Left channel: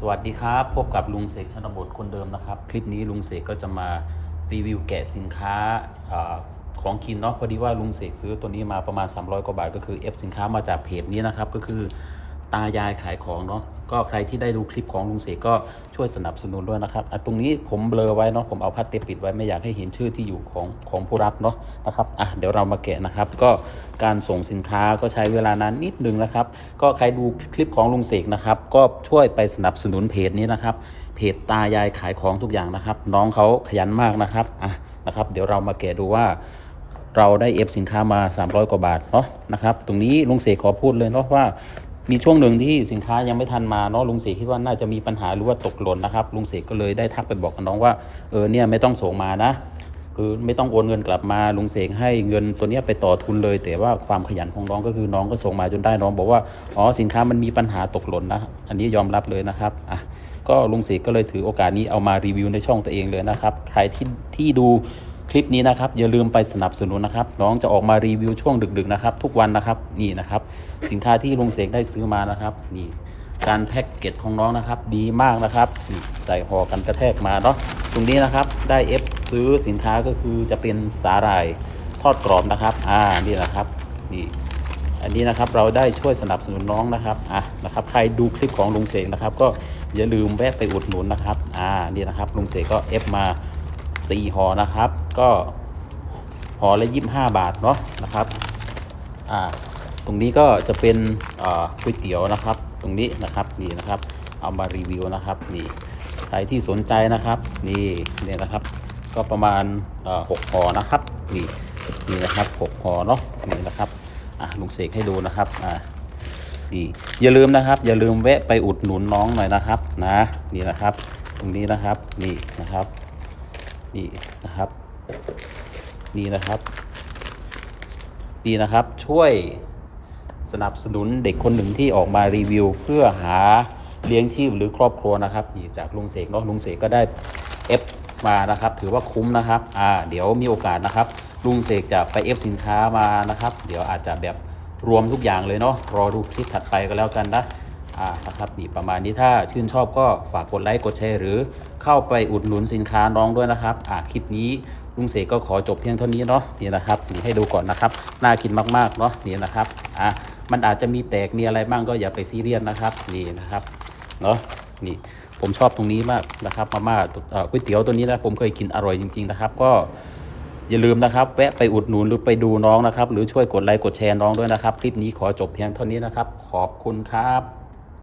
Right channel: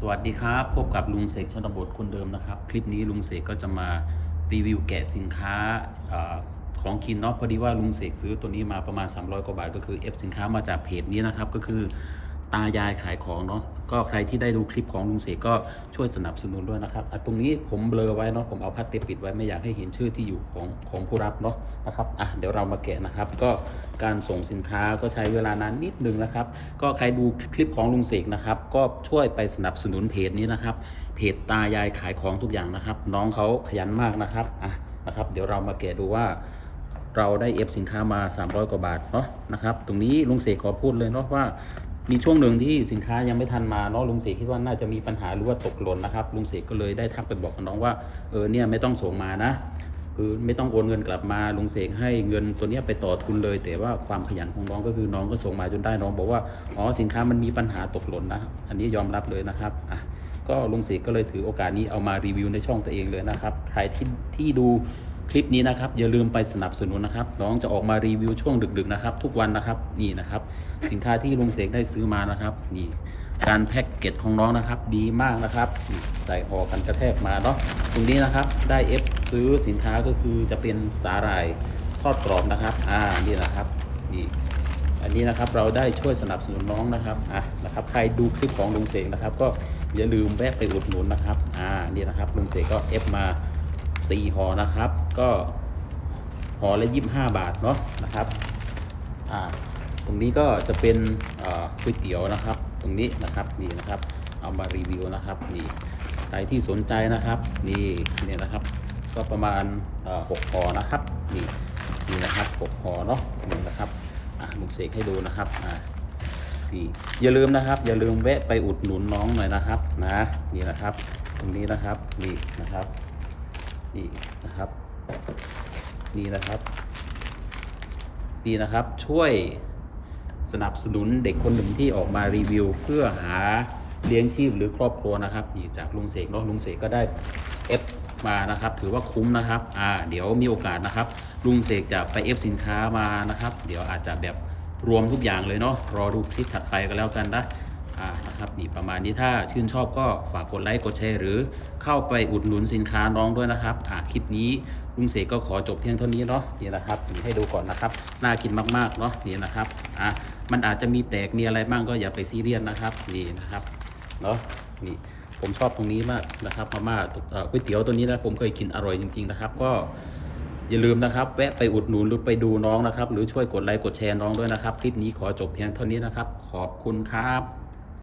สวัสดีครับ พบกับลุงเสกชนบทคนเดิมนะครับ คลิปนี้ลุงเสกก็จะมารีวิวแกะสินค้าอของคินเนาะพอดีว่าลุงเสกซื้อตัวนี้มาประมาณ 300 กว่าบาท ก็คือเอฟสินค้ามาจากเพจนี้นะครับ ก็คือ ตายายขายของเนาะก็ใครที่ได้ดูคลิปของลุงเสกก็ช่วยสนับสนุนด้วยนะครับอะตรงนี้ผมเบลอไว้เนาะผมเอาพลาสติกปิดไว้ไม่อยากให้เห็นชื่อที่อยู่ของของผู้รับเนาะนะครับอะเดี๋ยวเรามาแกะนะครับ ก็การส่งสินค้าก็ใช้เวลานานนิดนึงนะครับ ก็ใครดูคลิปของลุงเสกนะครับ ก็ช่วยไปสนับสนุนเพจนี้นะครับ เพจตายายขายของทุกอย่างนะครับ น้องเขาขยันมากนะครับอะนะครับ เดี๋ยวเรามาแกะดูว่าเราได้เอฟสินค้ามา 300 กว่าบาทเนาะนะครับ ตรงนี้ลุงเสกขอพูดเลยเนาะว่า มีช่วงหนึ่งที่สินค้ายังไม่ทันมาเนาะลุงเสกคิดว่าน่าจะมีปัญหาหรือว่าตกหล่นนะครับลุงเสกก็เลยได้ทักไปบอกกับน้องว่าเออเนี่ยไม่ต้องส่งมานะคือไม่ต้องโอนเงินกลับมาลุงเสกให้เงินตัวนี้ไปต่อทุนเลย แต่ว่าความขยันของน้องก็คือน้องก็ส่งมาจนได้น้องบอกว่าอ๋อสินค้ามันมีปัญหาตกหล่นนะ อันนี้ยอมรับเลยนะครับอะก็ลุงเสกก็เลยถือโอกาสนี้เอามารีวิวในช่องตัวเองเลยนะครับ ใครที่ที่ดู คลิปนี้นะครับอย่าลืมไปสนับสนุนนะครับ น้องจะออกมารีวิวช่วงดึกๆนะครับ ทุกวันนะครับนี่นะครับ สินค้าที่ลุงเสกได้ซื้อมานะครับนี่การแพ็กเกจของน้องนะครับ ดีมากนะครับใส่ห่อกันกระแทกมาเนาะตรงนี้นะครับได้เอฟซื้อสินค้าก็คือจะเป็นสาหร่ายทอดกรอบนะครับอ่านี่นะครับนี่อันนี้นะครับเราได้ช่วยสนับสนุนน้องนะครับอะนะครับ ใครดูคลิปของลุงเสกนะครับ ก็อย่าลืมแวะไปอุดหนุนนะครับอ่านี่นะครับลุงเสกก็เอฟมา สี่ห่อนะครับ ก็ห่อละยี่สิบห้าบาทเนาะนะครับอ่าตรงนี้ก็จะเป็นก๋วยเตี๋ยวนะครับ ตรงนี้นะครับนี่นะครับ เอามารีวิวนะครับนี่ใครที่สนใจนะครับนี่เนี่ยนะครับ ก็ประมาณหกห่อนะครับนี่นี่นะครับหกห่อเนาะนี่นะครับลุงเสกให้ดูนะครับอ่านี่อย่าลืมนะครับ อย่าลืมแวะไปอุดหนุนน้องหน่อยนะครับนะนี่นะครับ ตรงนี้นะครับนี่นะครับ นี่นะครับนี่นะครับนี่นะครับช่วยสนับสนุนเด็กคนหนึ่งที่ออกมารีวิว เพื่อหาเลี้ยงชีพหรือครอบครัวนะครับนี่จากลุงเสกเนาะลุงเสกก็ได้เอฟมานะครับ ถือว่าคุ้มนะครับอ่าเดี๋ยวมีโอกาสนะครับ ลุงเสกจะไปเอฟสินค้ามานะครับ เดี๋ยวอาจจะแบบรวมทุกอย่างเลยเนาะรอดูคลิปถัดไปก็แล้วกันนะ อ่านะครับนี่ประมาณนี้ถ้าชื่นชอบก็ฝากกดไลค์กดแชร์หรือเข้าไปอุดหนุนสินค้าน้องด้วยนะครับอ่าคลิปนี้ลุงเสกก็ขอจบเพียงเท่านี้เนาะนี่นะครับนี่ให้ดูก่อนนะครับน่ากินมากๆเนาะนี่นะครับอ่ามันอาจจะมีแตกมีอะไรบ้างก็อย่าไปซีเรียสนะครับนี่นะครับเนาะนี่ผมชอบตรงนี้มากนะครับมาม่าก๋วยเตี๋ยวตัวนี้นะผมเคยกินอร่อยจริง ๆนะครับ ก็อย่าลืมนะครับแวะไปอุดหนุนหรือไปดูน้องนะครับ หรือช่วยกดไลค์กดแชร์น้องด้วยนะครับ คลิปนี้ขอจบเพียงเท่านี้นะครับ ขอบคุณครับ